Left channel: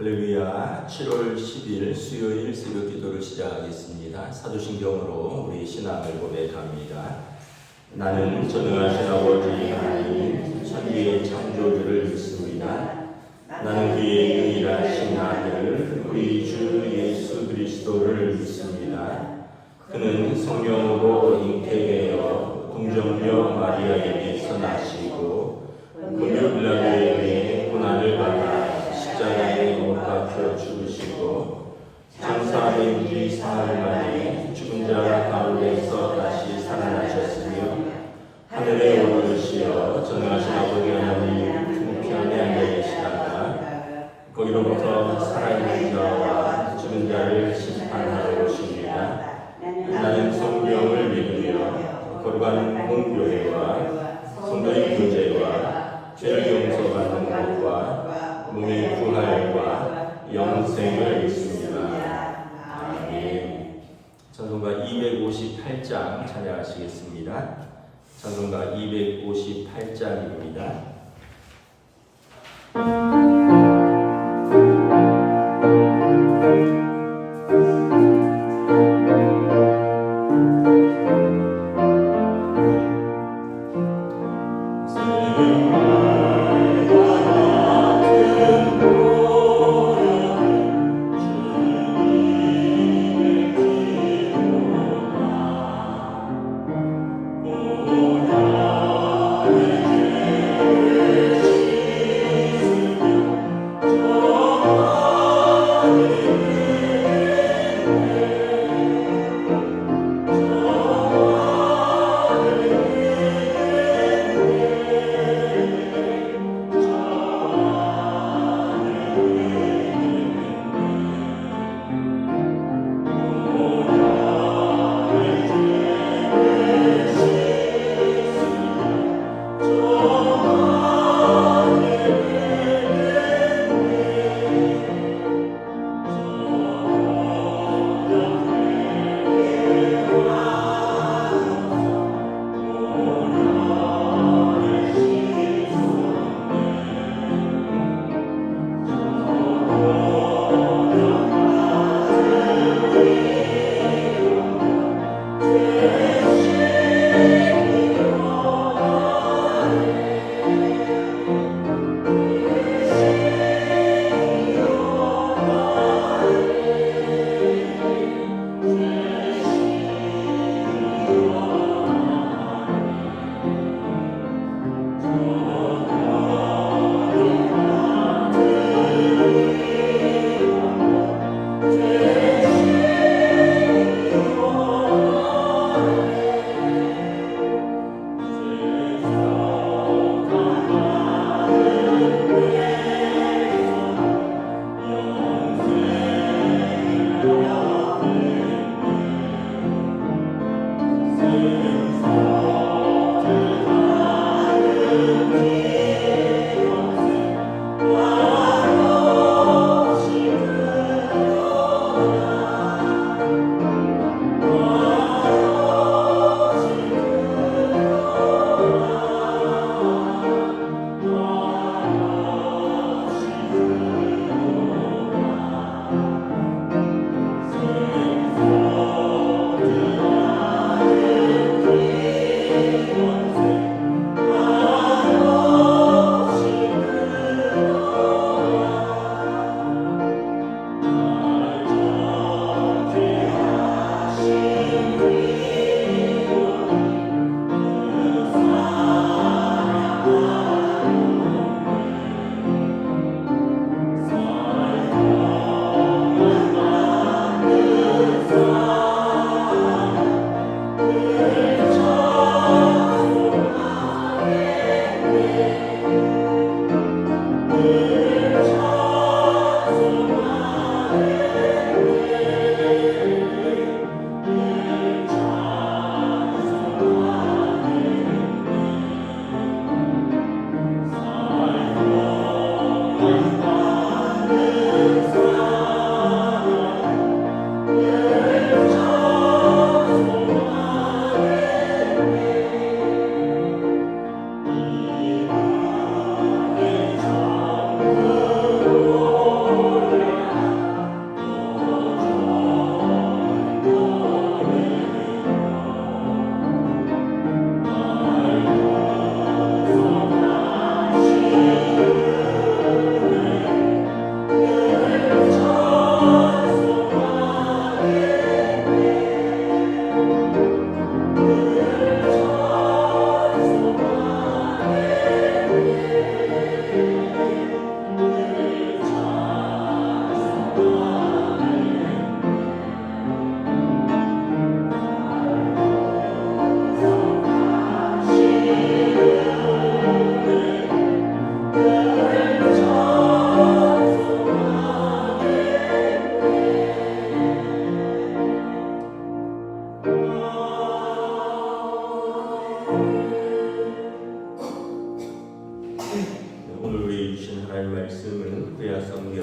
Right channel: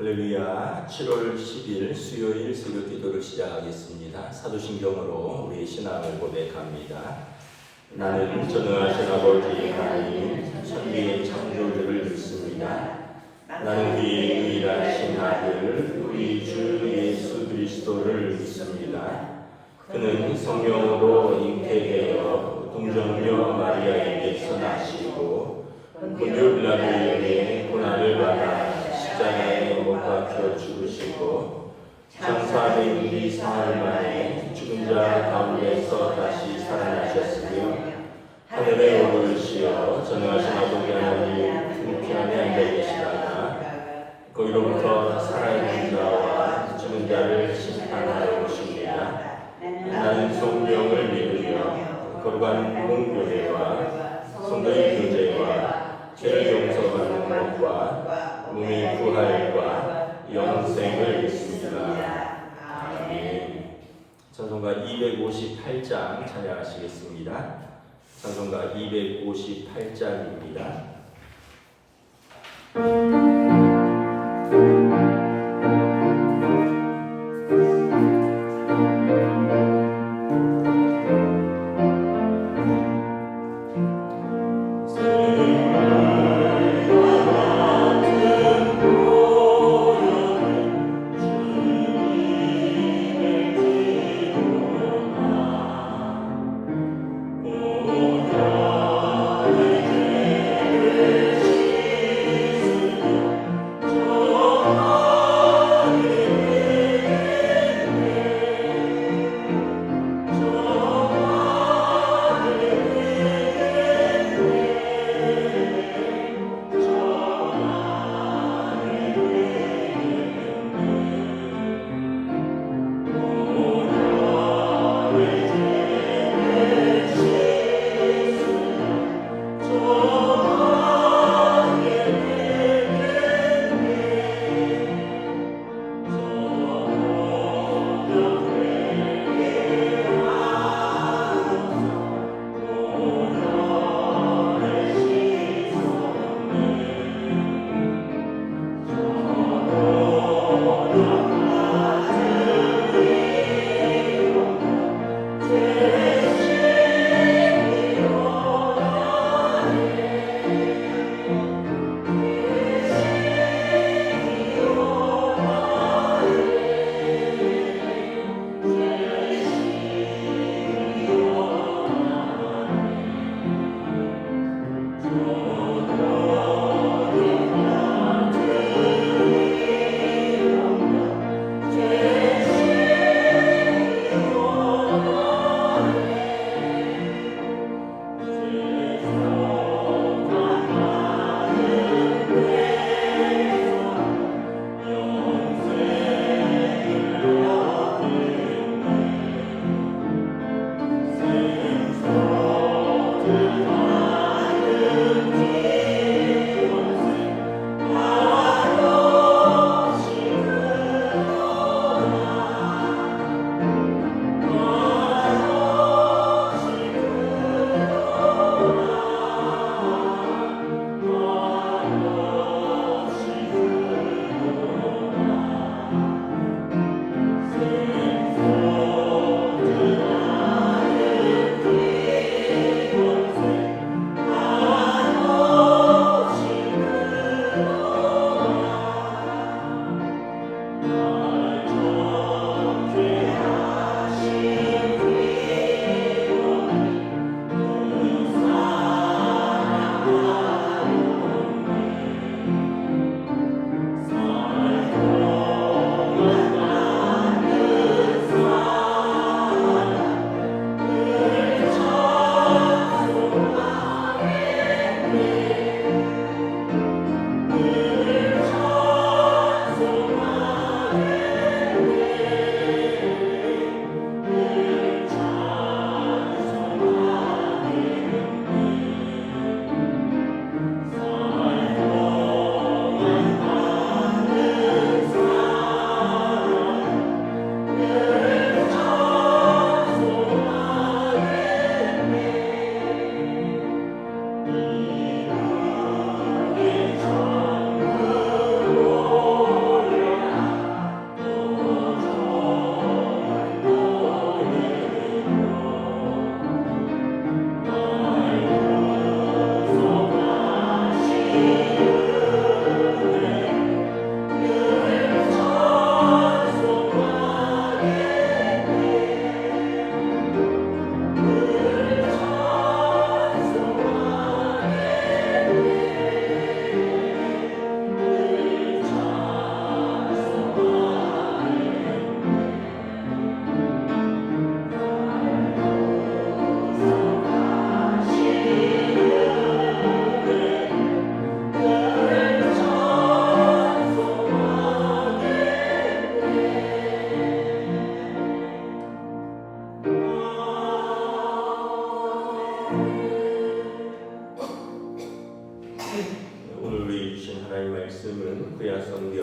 할렐루야. 7월 10일 수요일 새벽 기도를 시작하겠습니다. 사도신경으로 우리 신앙을 고백합니다. 나는 전능하신 아버지 하나님 천지의 창조주를 믿습니다. 나는 그의 유일하신 아들 우리 주 예수 그리스도를 믿습니다. 그는 성령으로 잉태되어 동정녀 마리아에게서 나시고 본요 빌라도에게 고난을 받아 십자가에 못 박혀 죽으시고 장사된 지 사흘 만에 죽은 자 가운데서 다시 살아나셨으며 하늘에 오르시어 전능하신 아버지 하나님 우편에 앉아 계시다가 거기로부터 살아있는 자와 죽은 자를 심판하러 오십니다. 나는 성경을 믿으며 거룩한 공교회와 성도의 교제와 죄를 용서받는 것과 몸의 부활과 영생을 믿습니다. 아멘. 찬송가 258장 찬양하시겠습니다. 찬송가 258장입니다.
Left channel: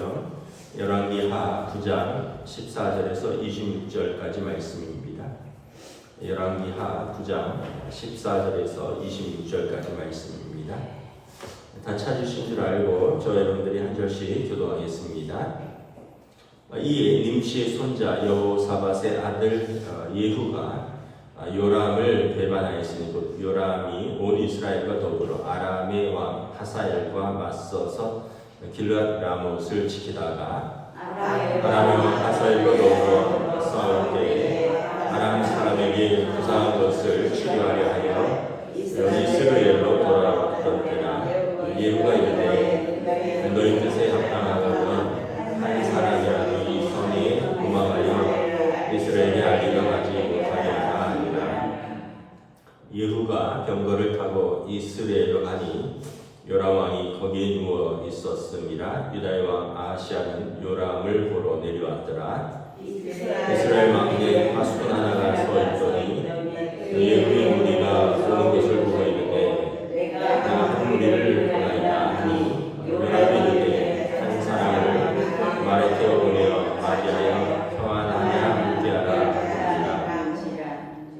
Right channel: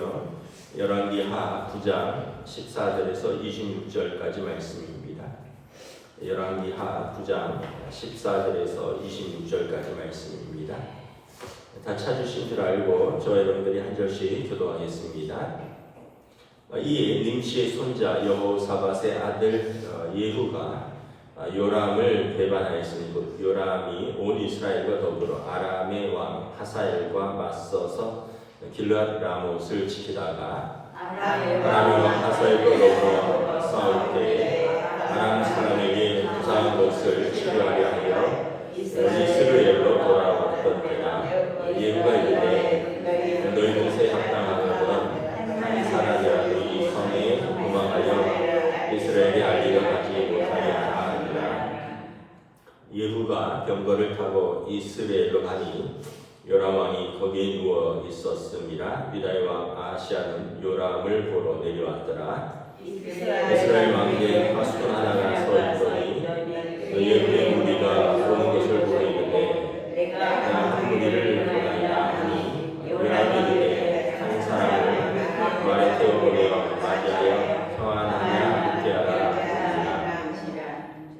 보시면 열왕기하 9장 14절에서 26절까지 말씀입니다. 열왕기하 9장 14절에서 26절까지 말씀입니다. 다 찾으신 줄 알고 저 여러분들이 한 절씩 교도하겠습니다. 이에 nim시의 손자 여호사밧의 아들 예후가 요람을 배반하였으니 곧 요람이 온 이스라엘과 더불어 아람의 왕 하사엘과 맞서서 길르앗 라못을 지키다가 아람의 왕 하사엘과 더불어 싸울 때에 아람 사람에게 부상한 것을 치료하려 하여 이스라엘로 돌아왔던 때라. 예후가 이르되 너희 뜻에 합당하거든 한 사람이라도 이 성에 도망하여 이스라엘의 알리가 가지 못하게 하니라. 예후가 병거를 타고 이스라엘로 가니 요람 왕이 거기에 누워 있었음이라. 유다의 왕 아하시아는 요람을 보러 내려왔더라. 이스라엘 왕에게 파수꾼 하나가 서 있더니 예후의 무리가 오는 것을 보고 이르되 내가 한 무리를 보나이다 하니 요람이 이르되 한 사람을 말에 태워 보내어 맞이하여 평안하냐 묻게 하라 하니라.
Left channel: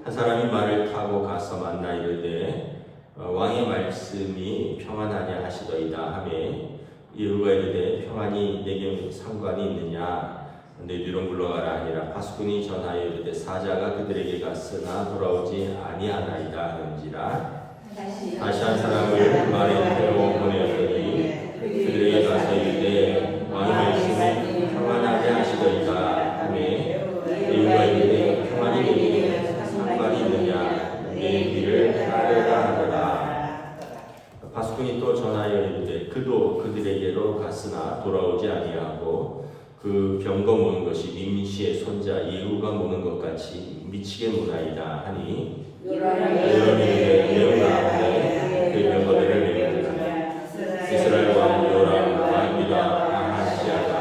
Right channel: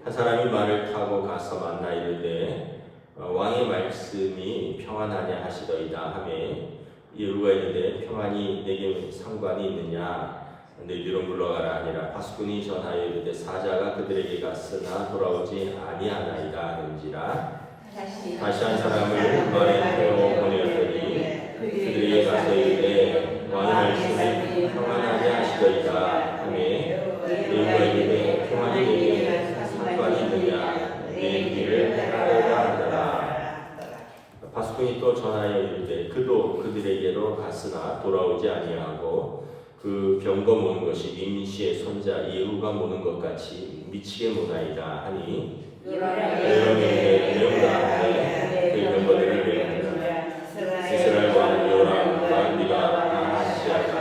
한 사람이 말을 타고 가서 만나 이르되 왕의 말씀이 평안하냐 하시더이다 하매 예후가 이르되 평안이 내게 상관이 있느냐 너희들로 물러가라 하니라. 파수꾼이 전하여 이르되 사자가 그들에게 갔으나 돌아오지 아니하나이다 하는지라. 다시 한 사람을 말에 태워 보내었더니 그들에게 가서 이르되 왕의 말씀이 평안하냐 하시더이다 하매 예후가 이르되 평안이 내게 상관이 있느냐 내 길을 따르라 하더라. 파수꾼이 또 전하여 이르되 그도 그들에게로 갔으나 돌아오지 아니하고 그 병거 모는 것이 nim시의 손자 예후가 모는 것 같이 미치게 모나이다 하니 요람이 메우라 하되 그 병거들을 메우니라. 이스라엘 왕 요람과 유다 아하시아가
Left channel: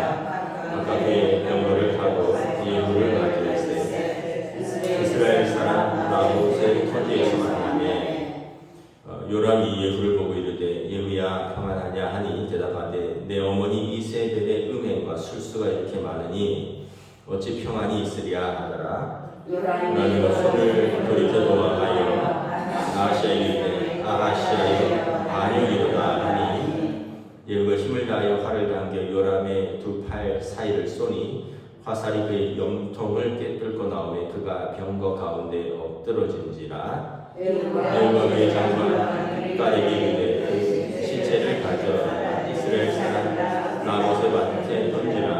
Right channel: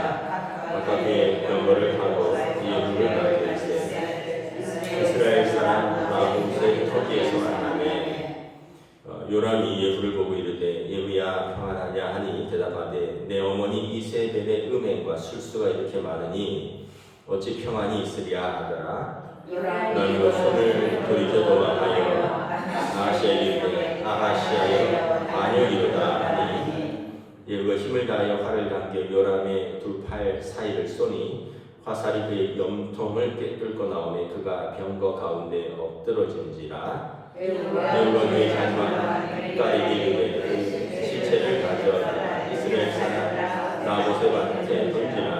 각각의 병거를 타고 예후를 맞이할세 이스라엘 사람 라못의 터지에서 만나매 요람이 예후를 보고 이르되 예후야 평안하냐 하니 대답하되 내 어머니 이세벨의 음행과 술수가 이렇게 많으니 어찌 평안이 있으랴 하더라. 나는 손을 돌이켜 도망하여 아하시아에게 이르되 아하시아여 반역이로다 하니 예후가 힘을 다하여 활을 당겨 요람의 두 팔 사이를 쏘니 화살이 그의 염통을 꿰뚫고 나오매 그가 병거 가운데 엎드러진지라. 예후가 그의 장관 딸에게 이르되 그 시체를 가져 이스라엘 사람 나봇의 밭에 던지라.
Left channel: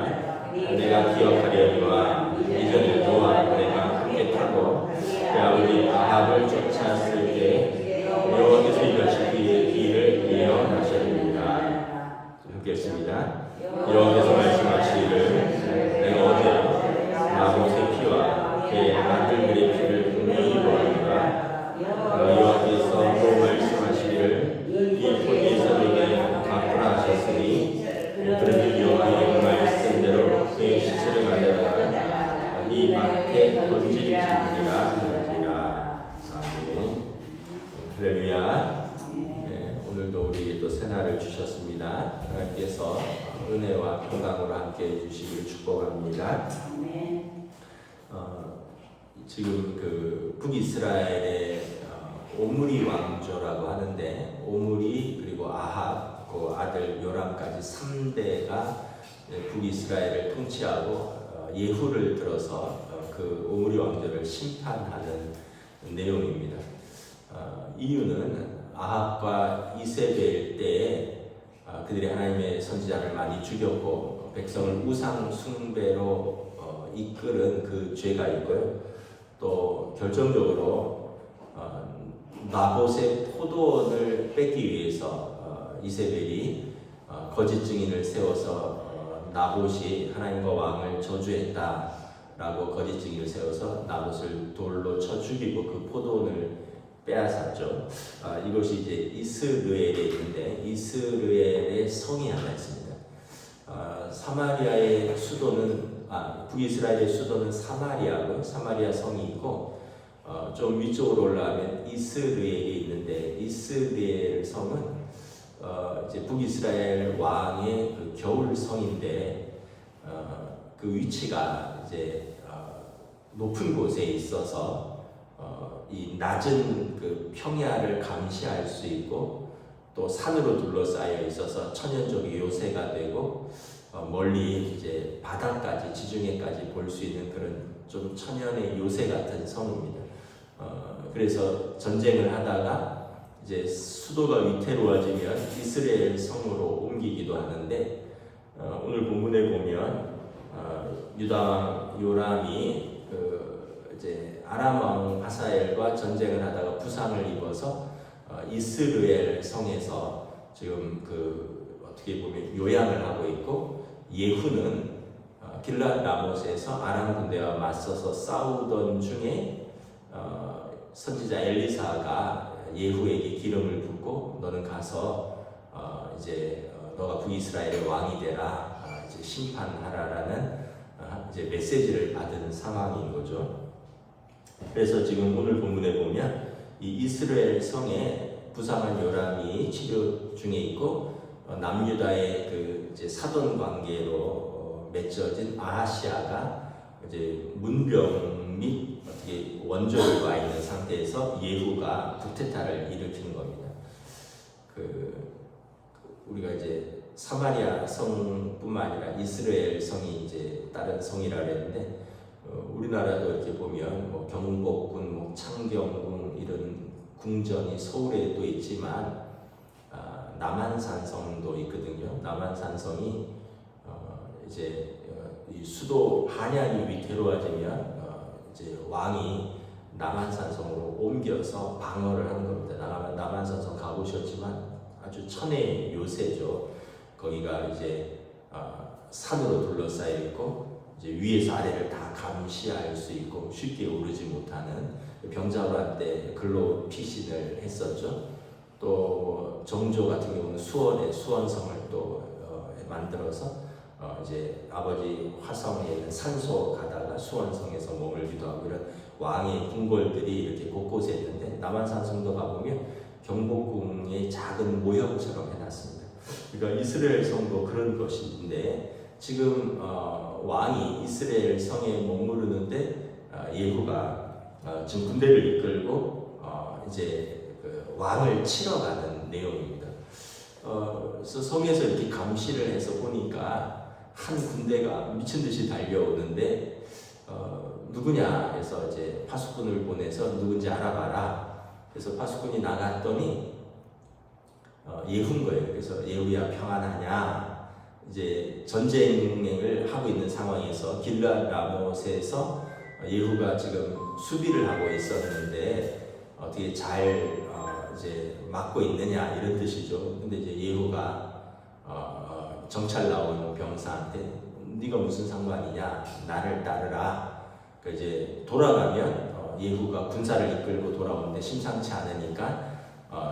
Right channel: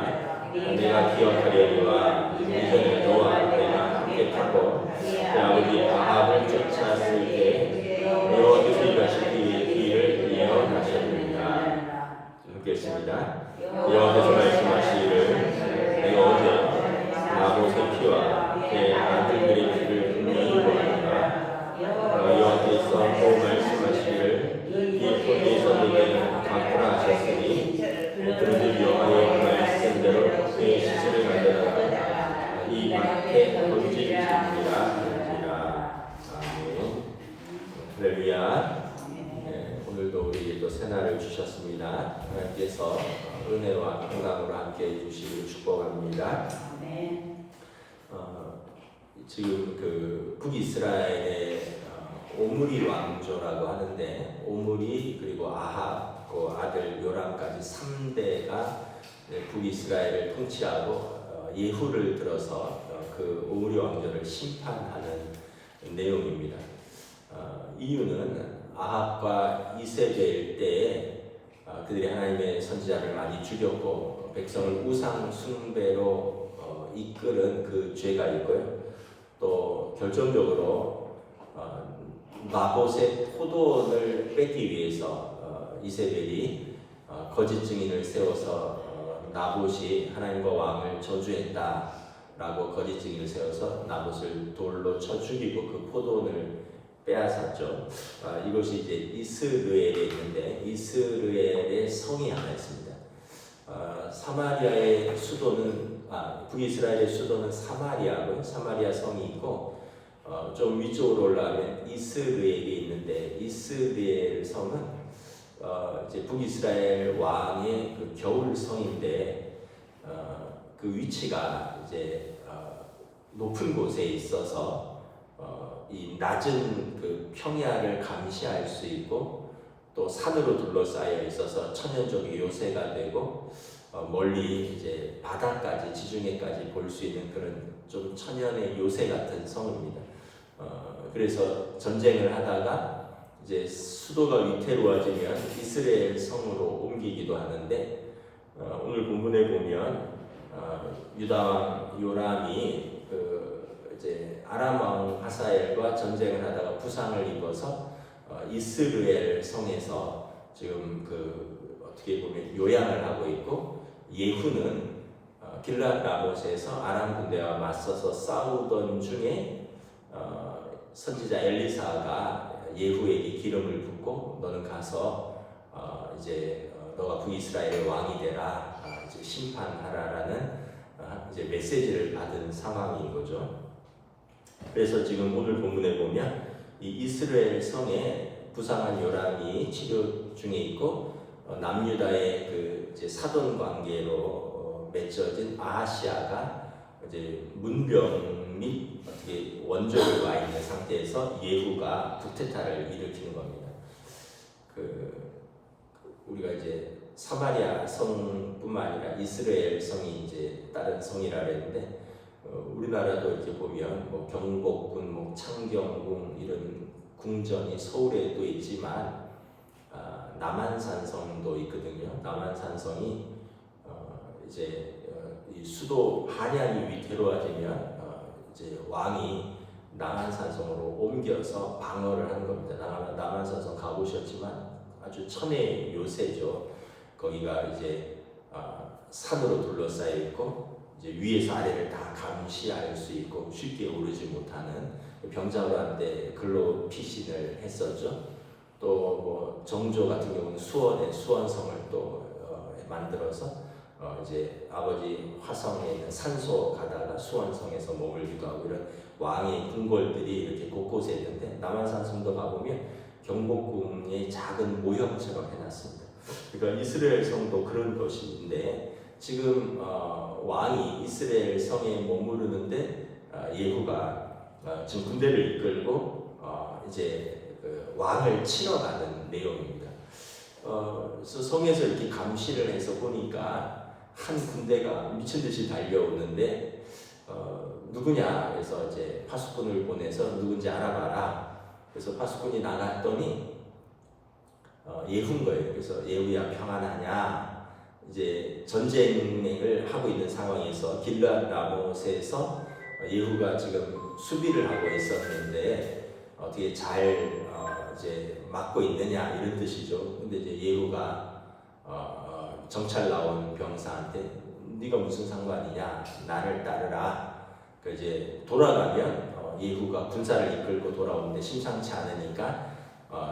내가 기억하려니와 이전에 너와 내가 함께 타고 내 아버지 아합을 쫓았을 때 여호와께서 이같이 그의 뒤를 예언하셨느니라. 함께 했습니다. 여호와께서 말씀하시기를 내가 어제 나봇의 피와 그의 아들들의 피를 분명히 보았노라. 여호와께서 또 말씀하시기를 이 토지에서 내게 갚으라 하셨으니 그런즉 여호와의 그 말씀대로 그의 시체를 가져다가 이 밭에 던질지니라 하는지라. 아멘. 할렐루야. 오늘도 우리 또 새날을 주셨습니다. 하나님께서 은혜와 평강으로 함께 해주시길 축복합니다. 지금 그 북이스라엘의 오므리 왕조라고 하는데 오므리 그리고 아합 그 아들 요람까지 3대가 북이스라엘을 통치하고 예후를 들어서 그 오므리 왕조를 심판하는 내용입니다. 이유는 아합과 이세벨 때에 그들이 하나님의 선지자를 많이 죽였고 백성을 우상 숭배로 이끌은 그 죄가 있고요. 또 결정적으로 나봇의 포도원을 뺏기 위해서 이세벨이 거짓 증인을 세워서 나봇이 하나님과 왕을 저주했다라고 거짓 증인을 세워서 나봇을 돌로 쳐 죽이고 그 포도원을 빼앗았죠. 이것이 이제 이스르엘에 있는데 이스르엘의 성이 하나 있습니다. 사마리아의 수도는 북이스라엘의 수도는 사마리아고요. 사마리아 성이 있고 좀 위쪽으로 올라가면 이스르엘이 있는데 이스르엘 성은 이제 북이스라엘 왕의 그 겨울성인데 그 위치가 이제 높은 곳에 있어서 이 낮은 그 평야를 감시할 수 있고 또 산으로 둘러싸여 있어서 천연적인 요새가 되고 멀리 이제 바다까지 지중해까지 볼 수 있는 그런 좀 천연의 요새 같은 성입니다. 그래서 전쟁을 하다가 이제 수도가 위태로워지면 이스라엘 성으로 옮기기도 하는데 오늘 본문에 보면 유다 왕 요람이 이제 아람 왕 하사엘과 전쟁을 하다가 부상을 입어서 이스라엘 성에서 지금 어떻게 보면 요양을 하고 있고 예후는 길랏 라못에서 아람 군대와 맞서서 싸우던 중에 선지자 엘리사가 예후에게 기름을 붓고 너는 가서 이제 너가 북이스라엘의 왕이 되라 이제 심판하라라는 이제 메시지를 받은 상황인 거죠. 그래서 지금 오늘 본문에 보면 이 이스라엘 성에 부상한 요람이 치료 중에 있고 남유다의 그 이제 사돈 관계로 맺어진 아하시아가 이제 문병 및 어떻게 원조를 와 있는 상태에서 예후가 쿠데타를 일으키는 겁니다. 우리가 이제 사마리아 성뿐만 아니라 이스라엘 성이 이제 다른 성이라 그랬는데 우리나라도 이렇게 보면 뭐 경복궁, 뭐 창경궁 이런 궁전이 서울에도 있지만 남한산성도 있거든요. 남한산성이 이제 이 수도 한양이 위태로워지면 이제 왕이 남한산성으로 옮겨서 방어를 한 겁니다. 남한산성 가보셨지만 아주 천혜의 요새죠. 거기가 이제 산으로 둘러싸여 있고 이제 위에서 아래를 다 감시할 수 있고 쉽게 오르지 못하는 병자호란 글로 피신을 했었죠. 또 정조 같은 경우는 수원에 수원성을 또 만들어서 이제 아버지 화성에 있는 산소 가다가 수원성에서 머물기도 하고 이런 왕의 궁궐들이 이렇게 곳곳에 있는데 남한산성도 가보면 경복궁의 작은 모형처럼 해놨습니다. 그러니까 이스라엘 성도 그런 것인데 지금 왕이 이스라엘 성에 머무르는데 예후가 지금 군대를 이끌고 이제 왕을 치러 가는 내용입니다. 그래서 성에서 이렇게 감시를 해서 보니까 한 군대가 미친 듯이 달려오는데 누구냐 해서 이제 파수꾼을 보내서 누군지 알아봐라. 그래서 파수꾼이 나갔더니 예후인 거예요. 그래서 예후야 평안하냐? 이제 전쟁을 하고 있는 상황에서 길랏 라못에서 예후가 지금 수비를 하고 있었는데 어떻게 잘 이제 막고 있느냐 이런 뜻이죠. 근데 이제 예후가 정찰 나온 병사한테 네가 무슨 상관이냐? 나를 따르라. 그 이제 돌아가면 예후가 군사를 이끌고 돌아오는데 심상치 않으니까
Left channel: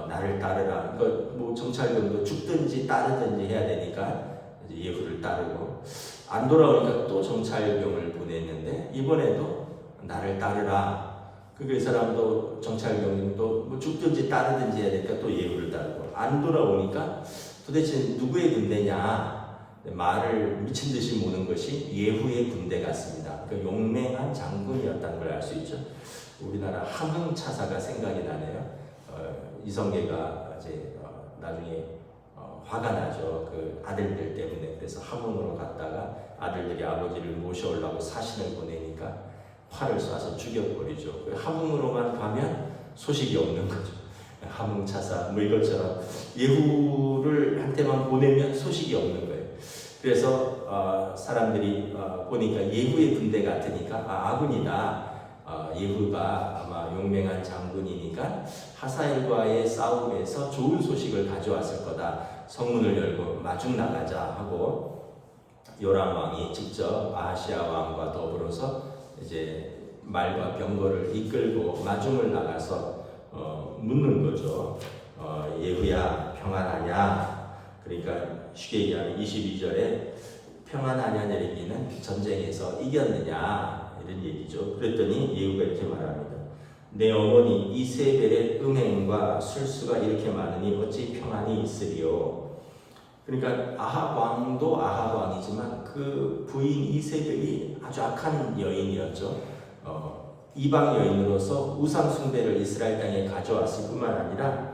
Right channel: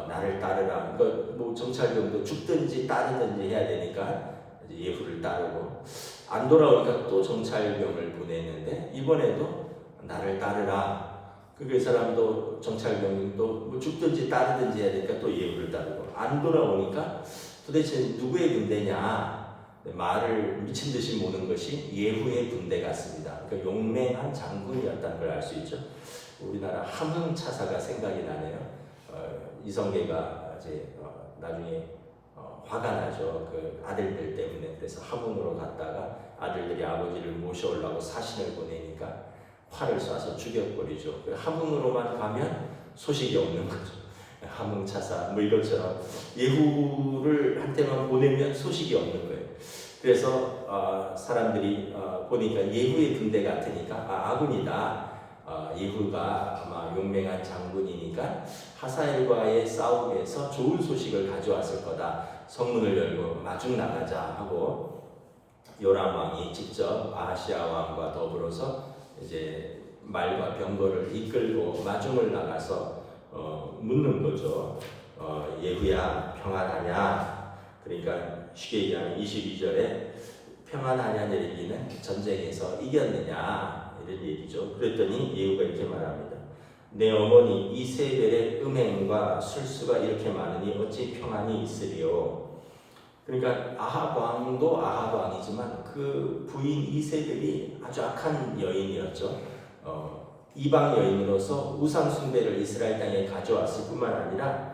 나를 따르라. 그러니까 뭐 정찰병도 죽든지 따르든지 해야 되니까 이제 예후를 따르고 안 돌아오니까 또 정찰병을 보냈는데 이번에도 나를 따르라. 그 사람도 정찰병도 뭐 죽든지 따르든지 해야 되니까 또 예후를 따르고 안 돌아오니까 도대체 누구의 군대냐? 말을 미친 듯이 모는 것이 예후의 군대 같습니다. 그러니까 용맹한 장군이었다는 걸 알 수 있죠. 우리나라 함흥차사가 생각이 나네요. 이성계가 이제 나중에 화가 나죠. 그 아들들 때문에. 그래서 함흥으로 갔다가 아들들이 아버지를 모셔오려고 사신을 보내니까 활을 쏴서 죽여버리죠. 함흥으로만 가면 소식이 없는 거죠. 함흥차사 뭐 이것처럼 예후를 한테만 보내면 소식이 없는 거예요. 그래서 사람들이 보니까 예후의 군대 같으니까 아군이다. 예후가 아마 용맹한 장군이니까 하사엘과의 싸움에서 좋은 소식을 가져왔을 거다. 성문을 열고 마중 나가자 하고 요람 왕이 직접 아하시아 왕과 더불어서 이제 말과 병거를 이끌고 마중을 나가서 묻는 거죠. 예후야 평안하냐? 그러니까 쉽게 얘기하면 22절에 평안하냐 얘기는 전쟁에서 이겼느냐 이런 얘기죠. 그랬더니 예후가 이렇게 말합니다. 내 어머니 이세벨의 음행과 술수가 이렇게 많으니 어찌 평안이 있으리요. 그러니까 아합 왕도 아합 왕이지만 그 부인 이세벨이 아주 악한 여인이었죠. 이방 여인으로서 우상 숭배를 이스라엘 땅에 가져왔을 뿐만 아니라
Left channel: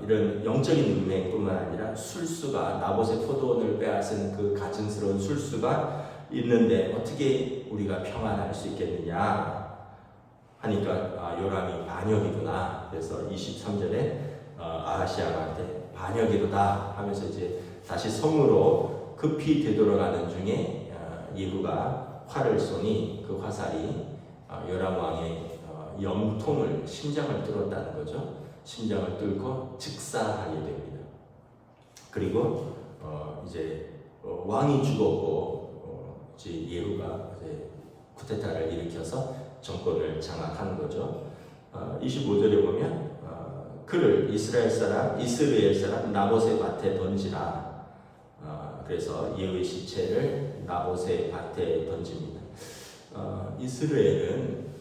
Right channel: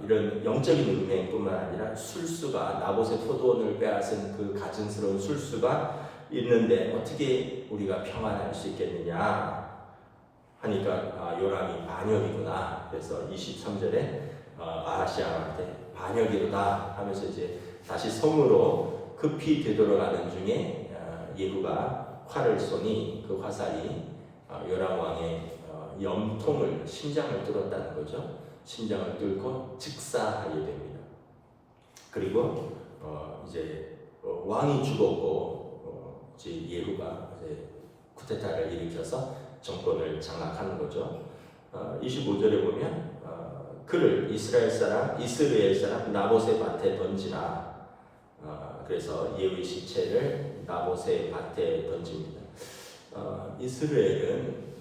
이런 영적인 음행뿐만 아니라 술수가 나봇의 포도원을 빼앗은 그 가증스러운 술수가 있는데 어떻게 우리가 평안할 수 있겠느냐 하니까 요람이 반역이구나. 그래서 23절에 아하시아한테 반역이로다 하면서 이제 다시 성으로 급히 되돌아가는 중에 예후가 활을 쏘니 그 화살이 요람 왕의 염통을 심장을 뚫었다는 거죠. 심장을 뚫고 즉사하게 됩니다. 그리고 이제 왕이 죽었고 이제 예후가 이제 쿠데타를 일으켜서 정권을 장악하는 거죠. 25절에 보면 그를 이스라엘 사람 나봇의 밭에 던지라. 그래서 예후의 시체를 나봇의 밭에 던집니다. 이스라엘은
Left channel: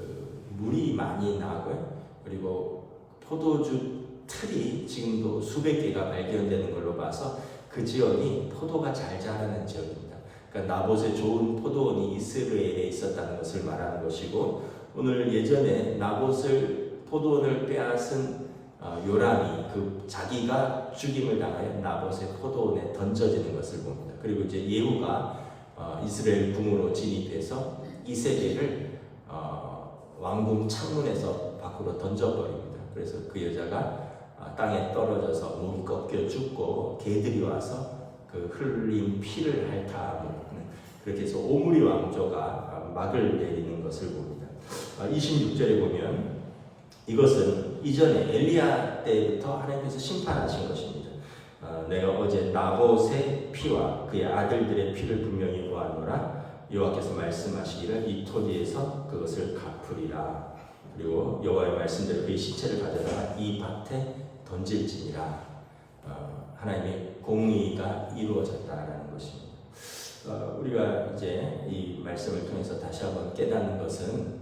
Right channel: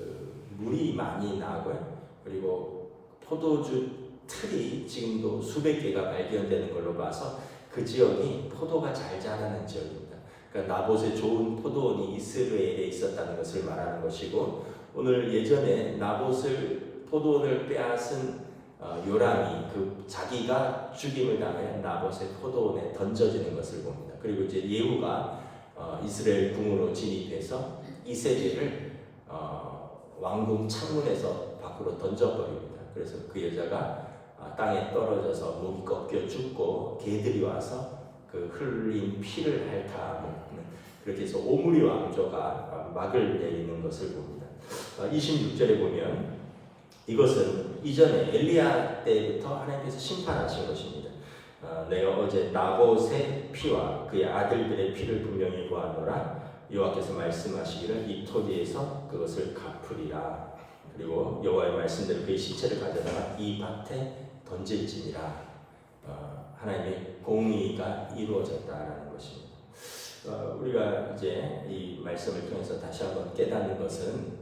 물이 많이 나고요. 그리고 포도주 틀이 지금도 수백 개가 발견되는 걸로 봐서 그 지역이 포도가 잘 자라는 지역입니다. 그러니까 나봇의 좋은 포도원이 이스라엘에 있었다는 것을 말하는 것이고, 오늘 예전에 나봇을 포도원을 빼앗은 요람이 그 자기가 죽임을 당해 나봇의 포도원에 던져지는 것을 봅니다. 그리고 이제 예후가 이스라엘 궁으로 진입해서 이세벨을 왕궁 창문에서 밖으로 던져버립니다. 그래서 그 여자가 땅에 떨어져서 목이 꺾여 죽고 개들이 와서 그 흘린 피를 핥아먹는, 그렇게 해서 오므리 왕조가 막을 내리는 것을 봅니다. 26절에 보면 이것은 이전에 엘리야 때부터 하나님께서 심판하신 것입니다. 내가 어제 나봇의 피와 그의 아들들의 피를 분명히 보았노라. 여호와께서 말씀하시기를 이 토지에서 그것을 갚으리라. 그리고 여호와의 말씀대로 그의 시체를 가져다가 이 밭에 던질지니라. 하나님의 공의가 이루어졌다라는 것입니다. 우리가 이제 이 말씀을 통해서 다시 한번 깨닫는 것은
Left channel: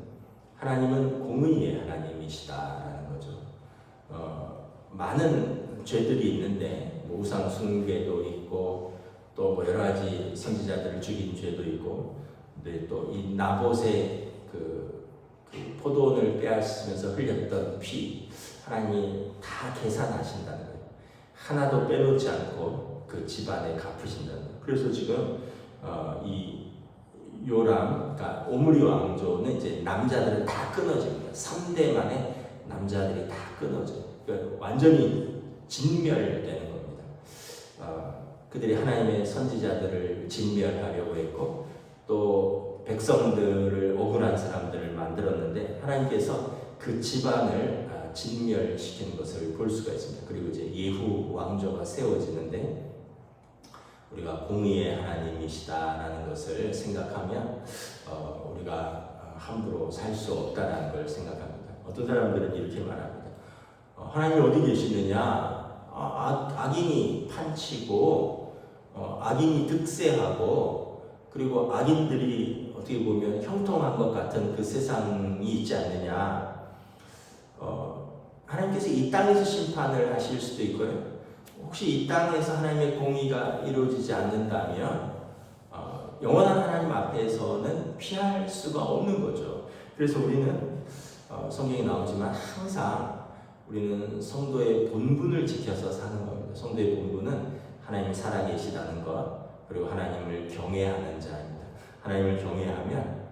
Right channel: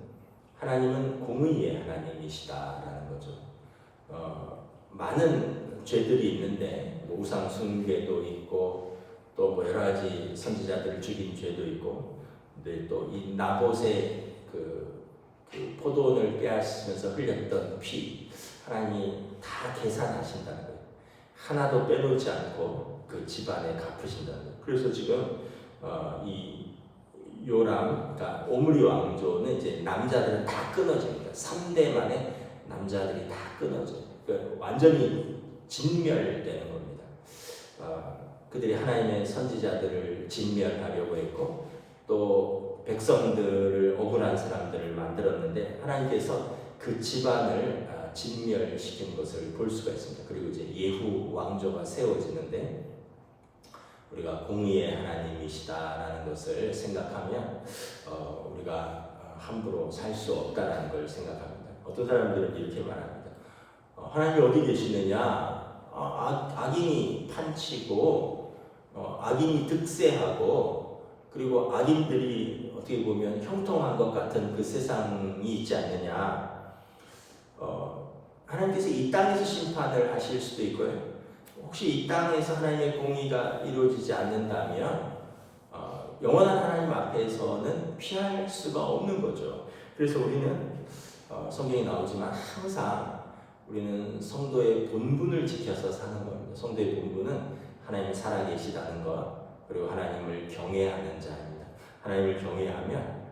하나님은 공의의 하나님이시다라는 거죠. 많은 죄들이 있는데 우상 숭배도 있고 또 뭐 여러 가지 선지자들을 죽인 죄도 있고, 근데 또 이 나봇의 그 포도원을 빼앗으면서 흘렸던 피, 하나님이 다 계산하신다는 거예요. 하나도 빼놓지 않고 그 집안에 갚으신다는 거예요. 그래서 지금 이 요람, 그러니까 오므리 왕조는 이제 남자들은 다 끊어집니다. 3대 만에 남자들이 다 끊어져요. 그러니까 완전히 진멸되는 겁니다. 그들이 하나님의 선지자들을 진멸하려고 했고, 또 백성들을 억울한 사람들을 만들었는데 하나님께서 그 집안을 진멸시키는 것을 볼 수가 있습니다. 그리고 이제 예후 왕조가 세워지는데 우리가 공의의 하나님이시다라는 것을 생각하면 우리가 함부로 살 수 없다라는 걸 생각합니다. 어떤 사람들은 이렇게 말합니다. 하나님이 어디 계시느냐? 악인이 판치고 악인이 득세하고 그리고 악인들이 어떻게 보면 형통한 것 같은 그 세상이 있지 않느냐. 하나님께서 이 땅에서 심판을 하실 수도 있고요. 혹시 이 땅에서 하나님의 공의가 이루어지지 않는다면 영원한 하나님 앞에서는 피할 수가 없는 거죠. 그래서 우리는 성경에 나오지만 항상 우리는 성도의 본분을 지켜서 사는 겁니다. 성도의 본분은 하나님이 살아계시다는 것, 그리고 하나님을 경외하는 자입니다. 하나님을 경외하면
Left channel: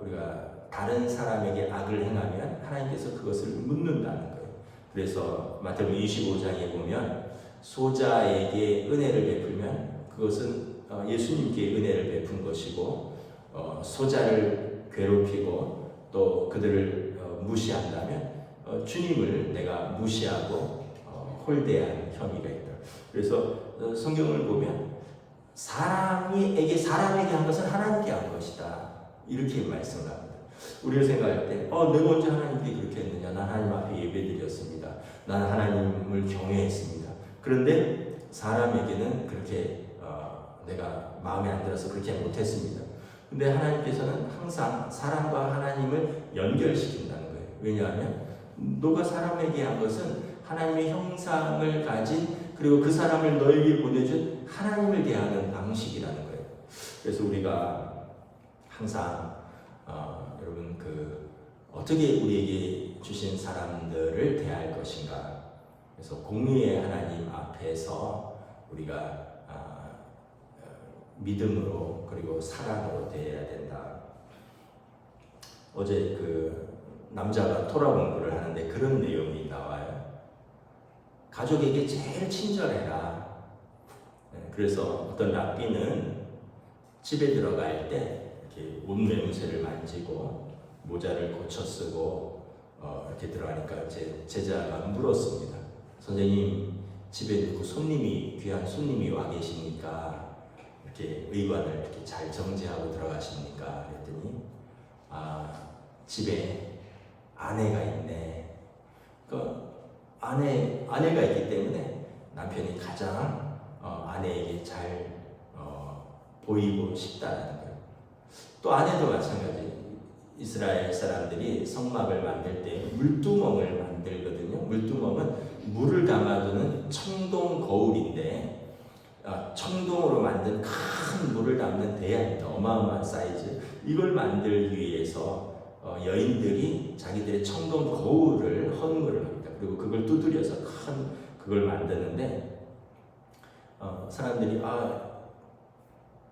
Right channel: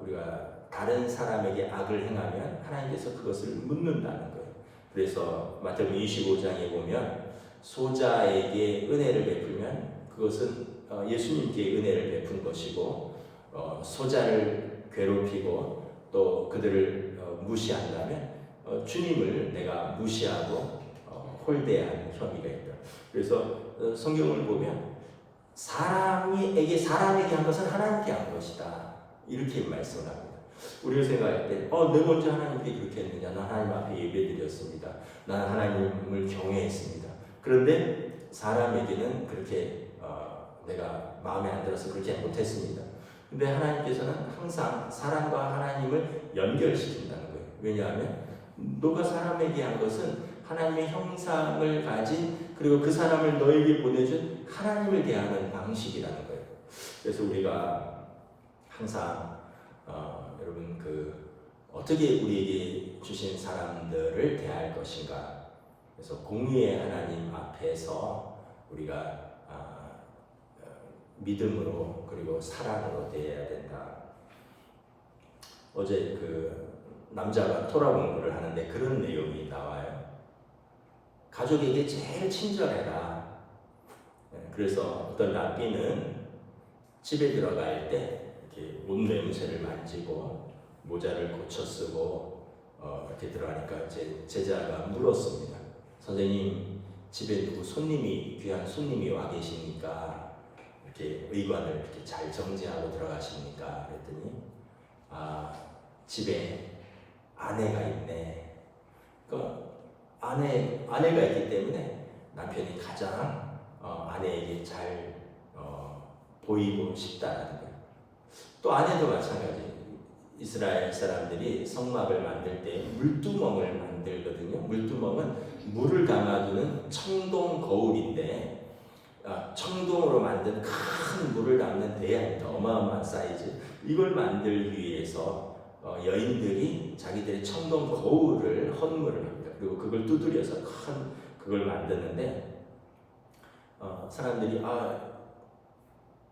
우리가 다른 사람에게 악을 행하면 하나님께서 그것을 묻는다는 거예요. 그래서 마태복음 25장에 보면 소자에게 은혜를 베풀면 그것은 예수님께 은혜를 베푼 것이고, 소자를 괴롭히고 또 그들을 무시한다면 주님을 내가 무시하고 홀대한 혐의가 있다. 그래서 성경을 보면 사람에게 한 것은 하나님께 한 것이다, 이렇게 말씀을 합니다. 우리가 생각할 때 내가 언제 하나님께 그렇게 했느냐, 난 하나님 앞에 예배드렸습니다, 난 하나님을 경외했습니다. 그런데 사람에게는 그렇게 내가 마음에 안 들어서 그렇게 못했습니다. 근데 하나님께서는 항상 사람과 하나님을 연결시킨다는 거예요. 왜냐하면 너가 사람에게 한 것은 하나님의 형상을 가진 그리고 그 사람을 너에게 보내준 하나님을 대하는 방식이라는 거예요. 그래서 우리가 항상 여러분 어떻게 우리에게 주신 사람들을 대할 것인가. 그래서 공의의 하나님 앞에서 우리가 믿음으로 그리고 사랑으로 대해야 된다. 어제 남자가 토라 공부를 하는데 그런 내용이 나와요. 가족에게 제일 친절해라. 그래서 어떤 랍비는 집에 들어갈 때 이렇게 옷매무새를 만지고 모자를 고쳐 쓰고 이렇게 들어가니까 이제 제자가 물었습니다. 선생님, 집에 누구 귀한 손님이 와 계십니까? 이렇게 의관을 이렇게 잘 정지하고 들어가십니까? 그랬더니 집에 아내가 있네. 아내가 있기 때문에 남편이 가장 아내에게 잘 보이고 싶다는 거예요. 또 아내도 마찬가지. 이스라엘 사람들이 성막을 만들 때 물두멍을 만들거든요. 물두멍은 물을 담아두는 청동 거울인데 청동으로 만든 큰 물을 담는 대야입니다. 어마어마한 사이즈. 이걸 만들기 위해서 여인들이 자기들의 청동 거울을 헌물을 합니다. 그리고 그걸 두드려서 큰 그걸 만드는데 사람들이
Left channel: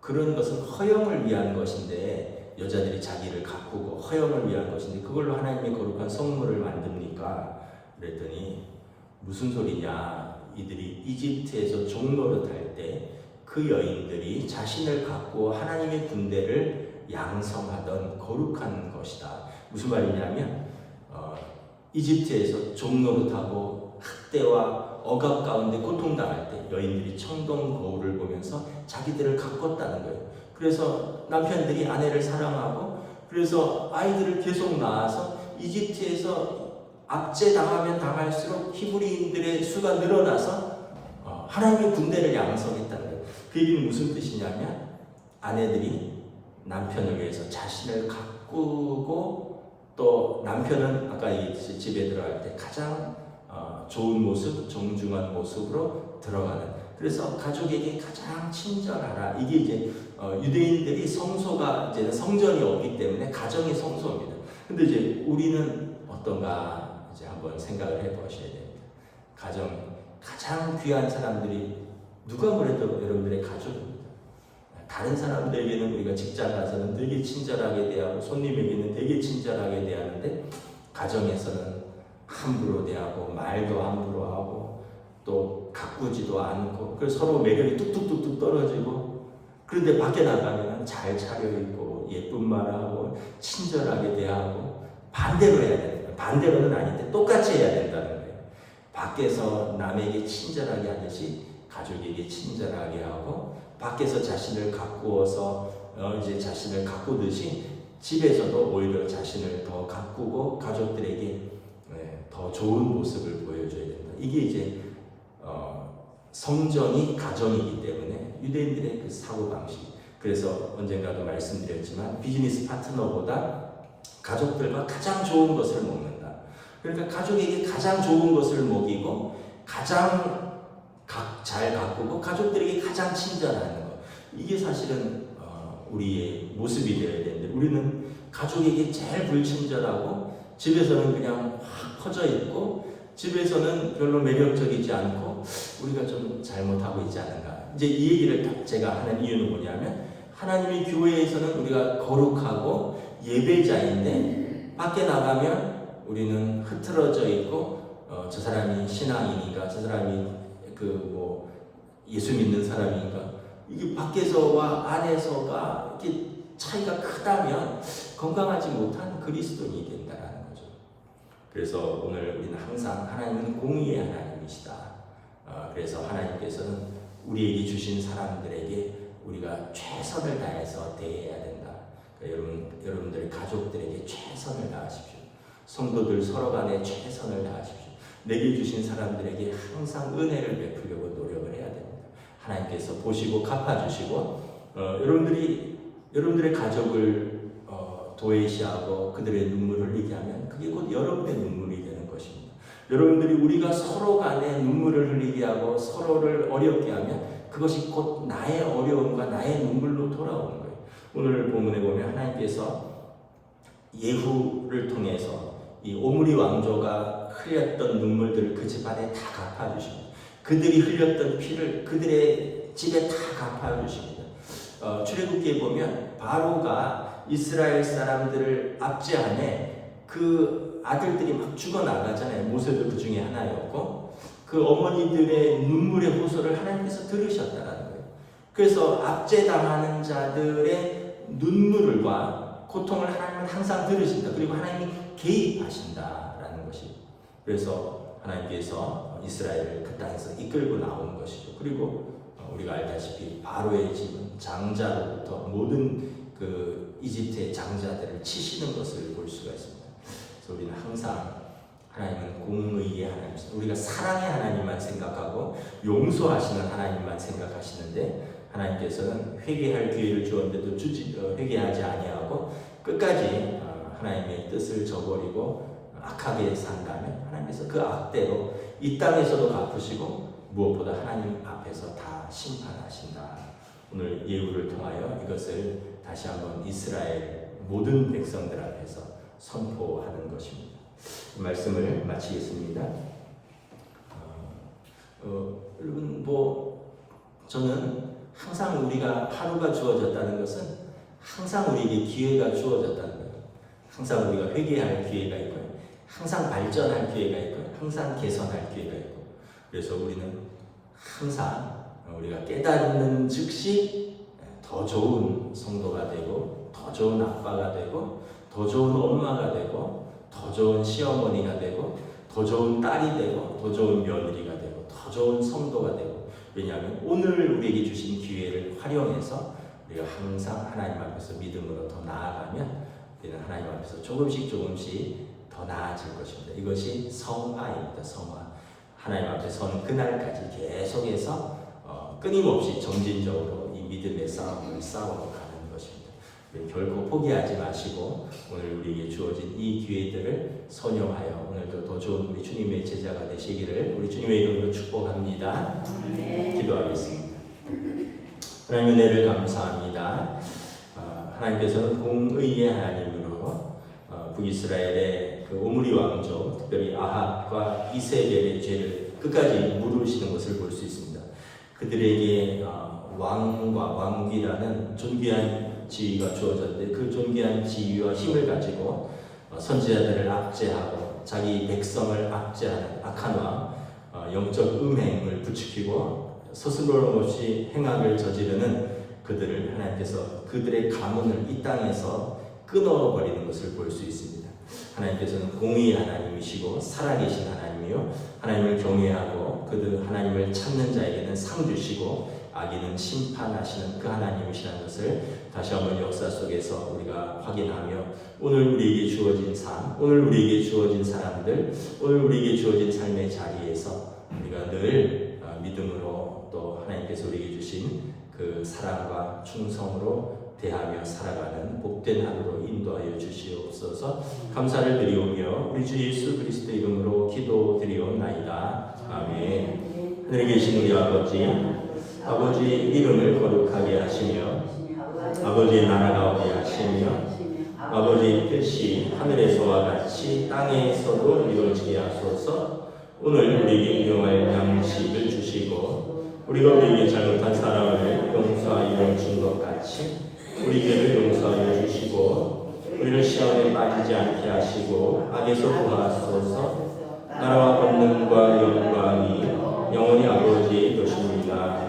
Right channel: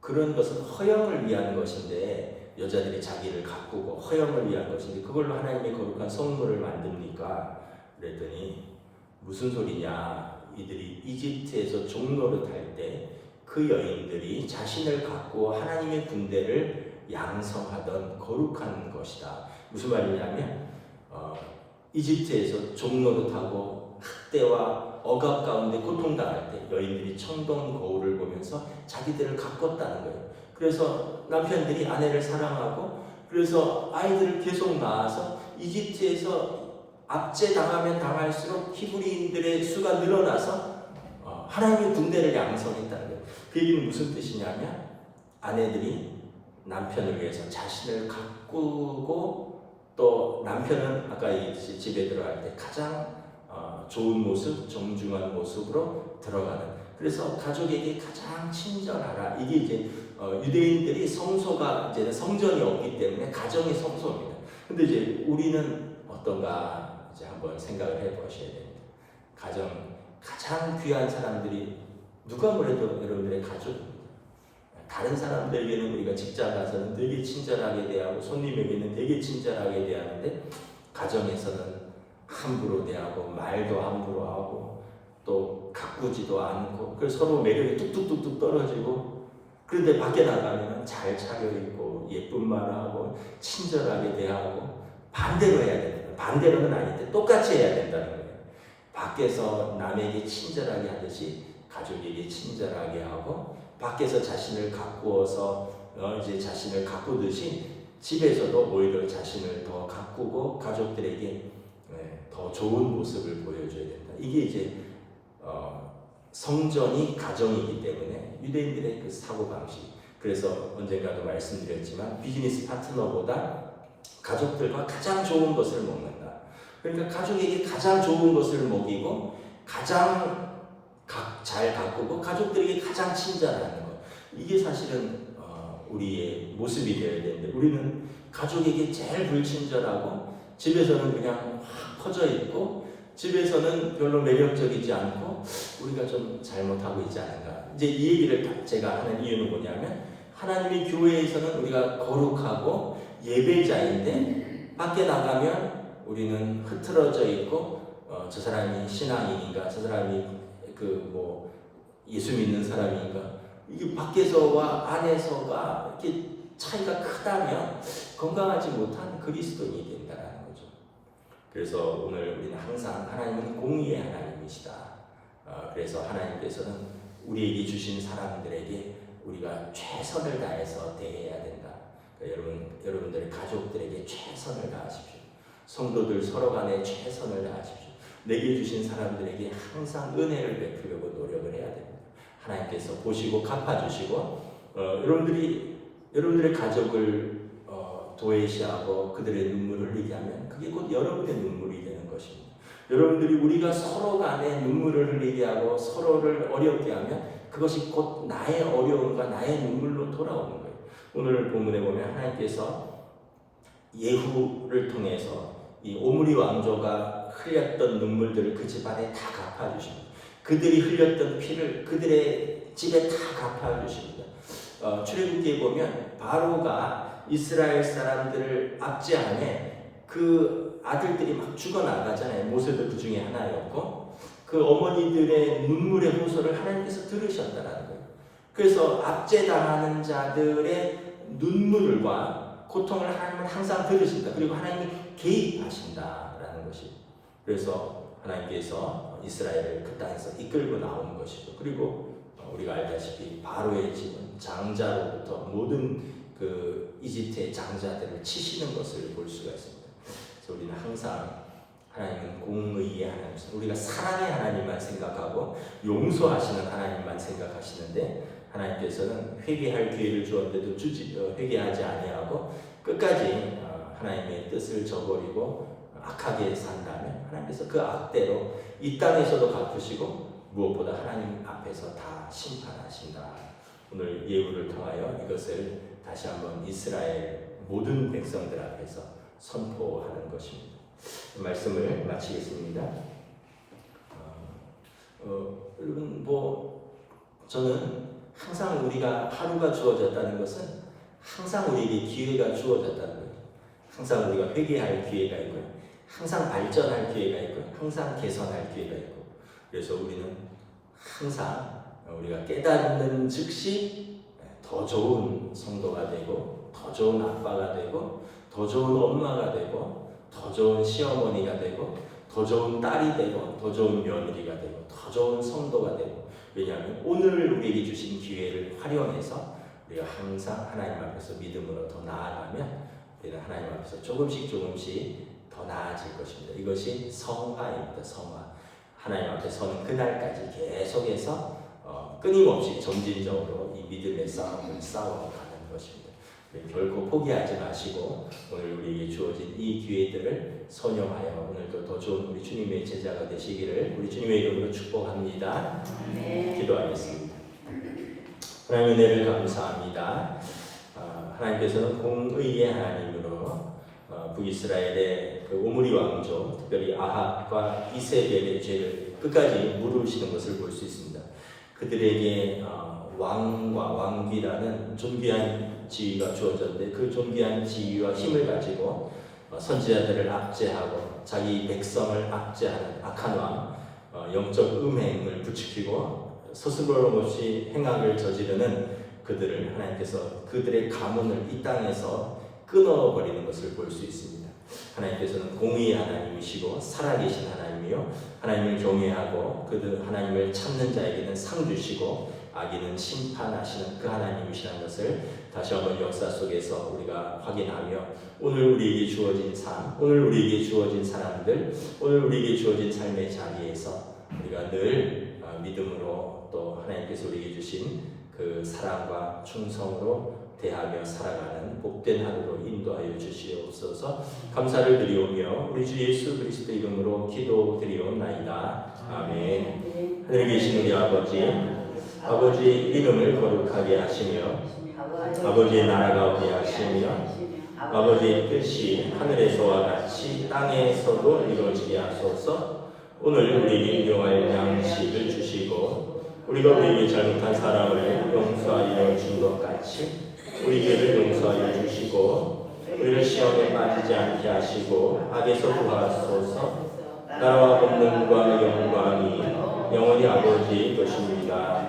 그런 것은 허영을 위한 것인데 여자들이 자기를 가꾸고 허영을 위한 것인데 그걸로 하나님의 거룩한 성물을 만듭니까? 그랬더니 무슨 소리냐? 이들이 이집트에서 종노릇할 때 그 여인들이 자신을 가꾸어 하나님의 군대를 양성하던 거룩한 것이다. 무슨 말이냐면 이집트에서 종노릇하고 학대와 억압 가운데 고통당할 때 여인들이 청동 거울을 보면서 자기들을 가꿨다는 거예요. 그래서 남편들이 아내를 사랑하고 그래서 아이들을 계속 낳아서 이집트에서 압제당하면 당할수록 히브리인들의 수가 늘어나서 하나님의 군대를 양성했다는 거예요. 그 얘기는 무슨 뜻이냐면 아내들이 남편을 위해서 자신을 가꾸고 또 남편은 아까 집에 들어갈 때 가장 좋은 모습, 정중한 모습으로 들어가는. 그래서 가족에게 가장 친절하라. 이게 이제 유대인들이 성소가 이제 성전이 없기 때문에 가정의 성소입니다. 근데 이제 우리는 어떤가 이제 한번 생각을 해보셔야 됩니다. 가장 귀한 사람들이 누가 뭐래도 여러분들의 가족입니다. 다른 사람들에게는 우리가 직장 가서는 되게 친절하게 대하고 손님에게는 되게 친절하게 대하는데 가정에서는 함부로 대하고 말도 함부로 하고 또 가꾸지도 않고 그래서 서로 매력이 뚝뚝뚝뚝 떨어지고 그런데 밖에 나가면 잘 차려입고 예쁜 말하고 친절하게 대하고 반대로 해야 됩니다. 반대로는 아닌데 똑같이 해야 된다는 거예요. 밖에서 남에게 친절하게 하듯이 가족에게 친절하게 하고 밖에서 자신을 가꾸어서 이제 자신을 가꾸듯이 집에서도 오히려 자신을 더 가꾸고 가족들에게 더 좋은 모습을 보여줘야 된다. 이게 이제 성전이 가정이기 때문에 유대인들의 그 사고방식. 그래서 언젠가도 말씀드렸지만 비즈니스 파트너보다 가족들과 가장 좋은 것을 먹는다. 그러니까 가족에게 가장 좋은 것을 먹이고 가장 잘 가꾸고 가족들에게 가장 친절하는 것. 이게 사실은 우리의 모습이 되어야 되는데 우리는 가족에게 제일 불친절하고 집에서는 그냥 확 퍼져 있고 집에서는 별로 매력적이지 않고 우리가 좀 잘못하고 있지 않은가. 이제 이 얘기를 제가 하는 이유는 뭐냐면 하나님의 교회에서는 우리가 거룩하고 예배자인데 밖에 나가면 우리는 흐트러져 있고 저 사람이 신앙인인가 저 사람이 예수 믿는 사람인가 이게 밖에서와 안에서가 이렇게 차이가 크다면 건강하지 못한 그리스도인이 된다는 거죠. 그래서 오늘 우리는 항상 하나님은 공의의 하나님이시다. 그래서 하나님께서는 우리에게 주신 사람들에게 우리가 최선을 다해서 대해야 된다. 그러니까 여러분들의 가족들에게 최선을 다하십시오. 성도들 서로 간에 최선을 다하십시오. 내게 주신 사람들에게 항상 은혜를 베풀려고 노력을 해야 됩니다. 하나님께서 보시고 갚아주시고 여러분들의 가족을 도외시하고 그들의 눈물을 흘리게 하면 그게 곧 여러분의 눈물이 되는 것입니다. 여러분들이 우리가 서로 간에 눈물을 흘리게 하고 서로를 어렵게 하면 그것이 곧 나의 어려움과 나의 눈물로 돌아오는 거예요. 오늘 본문에 보면 하나님께서 예후를 통해서 이 오므리 왕조가 흘렸던 눈물들을 그 집안에 다 갚아주십니다. 그들이 흘렸던 피를 그들의 집에 다 갚아주십니다. 출애굽기에 보면 바로가 이스라엘 사람들을 압제하에 그 아들들이 막 죽어나가잖아요. 모세도 그 중에 하나였고 그 어머니들의 눈물의 호소를 하나님께서 들으셨다는 거예요. 그래서 압제당하는 자들의 눈물과 고통을 하나님은 항상 들으신다. 그리고 하나님이 개입하신다라는 것이. 그래서 하나님께서 이스라엘을 그 땅에서 이끌고 나오는 것이죠. 그리고 우리가 알다시피 바로의 집은 장자로부터 모든 그 이집트의 장자들을 치시는 것을 볼 수가 있습니다. 그래서 우리는 항상 하나님은 공의의 하나님이십니다. 우리가 사랑의 하나님만 생각하고 용서하시는 하나님만 생각하시는데 하나님께서는 회개할 기회를 주었는데도 회개하지 아니하고 끝까지 하나님의 뜻을 저버리고 악하게 산다면 하나님께서 그 악대로 이 땅에서도 갚으시고 무엇보다 하나님 앞에서 다 심판하신다. 오늘 예후를 통하여 이것을 다시 한번 이스라엘 모든 백성들 앞에서 선포하는 것입니다. 말씀을 마치겠습니다. 여러분 저는 항상 우리가 하루가 주어졌다는 것은 항상 우리에게 기회가 주어졌다는 거예요. 항상 우리가 회개할 기회가 있고요. 항상 발전할 기회가 있고요. 항상 개선할 기회가 있고. 그래서 우리는 항상 우리가 깨닫는 즉시 더 좋은 성도가 되고 더 좋은 아빠가 되고 더 좋은 엄마가 되고 더 좋은 시어머니가 되고 더 좋은 딸이 되고 더 좋은 며느리가 되고 더 좋은 성도가 되고 왜냐하면 오늘 우리에게 주신 기회를 활용해서 우리가 항상 하나님 앞에서 믿음으로 더 나아가면 우리는 하나님 앞에서 조금씩 더 나아질 것입니다. 이것이 성화입니다. 성화. 하나님 앞에 서는 그날까지 계속해서 끊임없이 점진적으로 이 믿음의 싸움을 싸워가는 것입니다. 결코 포기하지 마시고 오늘 우리에게 주어진 이 기회들을 선용하여 오늘도 더 좋은 우리 주님의 제자가 되시기를 우리 주님의 이름으로 축복합니다. 기도하겠습니다. 하나님의 은혜를 감사합니다. 하나님께서는 공의의 하나님으로 북이스라엘의 그 오므리 왕조, 특별히 아합과 이세벨의 죄를 끝까지 물으시는 것을 볼 수 있습니다. 그들에게 왕과 왕국이라는 존귀한 지위가 주어졌는데 그 존귀한 지위와 힘을 가지고 선지자들을 압제하고 자기 백성을 압제하는 악한 왕, 영적 음행을 부추기고 스스럼 없이 행악을 저지르는 그들을 하나님께서 그들의 가문을 이 땅에서 끊어버리는 것을 볼 수 있습니다. 하나님께서는 공의의 하나님이시고 살아계신 하나님이요 하나님을 경외하고 그들 하나님을 찾는 자에게는 상 주시고 악인은 심판하시는 그 하나님이시라는 것을 다시 한번 역사 속에서 우리가 확인하며 오늘 우리에게 주어진 삶, 오늘 우리에게 주어진 사람들, 오늘 우리에게 주어진 삶의 자리에서 우리가 늘 믿음으로 또 하나님께서 우리에게 주신 그 사랑과 충성으로 대하며 살아가는 복된 하루로 인도하여 주시옵소서. 감사를 드리오며 우리 주 예수 그리스도 이름으로 기도드리옵나이다. 아멘. 하늘에 계신 우리 아버지의 이름을 거룩하게 하시며 아버지의 나라가 오게 하시며 아버지의 뜻이 하늘에서와 같이 땅에서도 이루어지게 하소서. 오늘 우리에게 일용할 양식을 주시고 우리가 우리에게 잘못한 사람을 용서하여 준 것 같이 우리에게를 용서하여 주시고 우리를 시험에 빠지지 않게 하시고 악에서 구하소서. 나라와 권능과 영광이 영원히 아버지의 것입니다.